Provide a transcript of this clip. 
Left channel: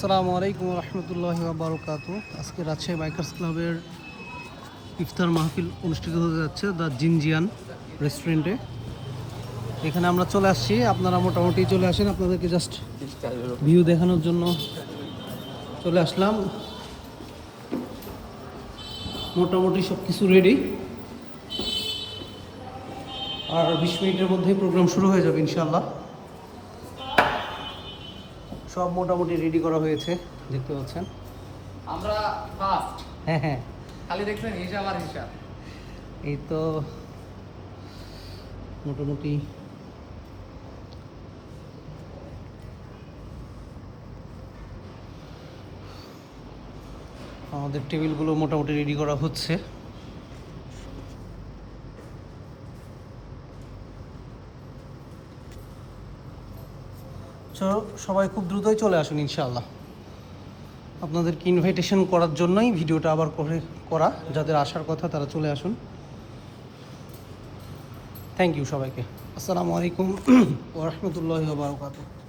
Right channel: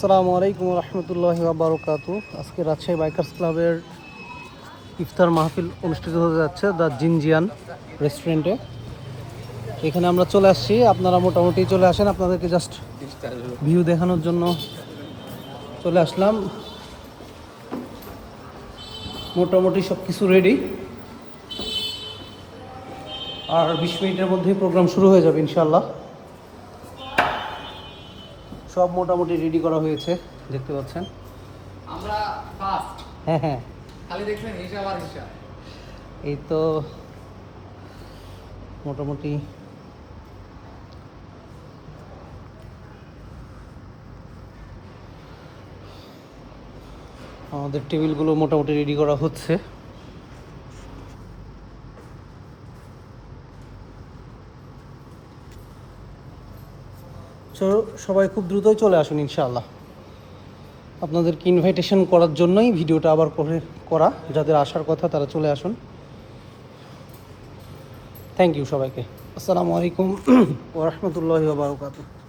আসসালামু আলাইকুম রহমতুল্লাহি বারাকাতু। আজকে রাজশাহী বাইকার্স ক্লাবের ইফতার মাহফিল অনুষ্ঠিত হতে যাচ্ছে দ্য জিনজিয়ান রেস্টুরেন্টে। এখানে আমরা চলে আসছি, আপনারা মোটামুটি চলে আসেন, আপনাদেরকে জাস্ট ভিউ দেখানোর জন্য চলে আসলাম। মোটামুটি সব কিছু রেডি, আর 20 মিনিটের মধ্যেই প্রোগ্রাম শুরু হয়ে যাবে ইনশাল্লাহ। সব মোটামুটি রেডি করা হয়েছে, দেখতে পাচ্ছেন। আমরা ফার্স্ট, হ্যাঁ, খালি দেখছেন হিসাব আর হিসাব। এই তো মোটামুটি আমাদের টেবিলগুলো মোটামুটি রেডি করা হচ্ছে। সবাই খুব দ্রুতই চলে আসুন ইনশাআল্লাহ। আপনাদেরকে ইনভাইটেশন করার জন্যই ভিডিওটা আবার করা, যাদের আসার কথা তারা চলে আসুন। থ্যাংক ইউ সবাইকে। আসসালামু আলাইকুম ওয়া রাহমাতুল্লাহি ওয়া বারাকাতুহু।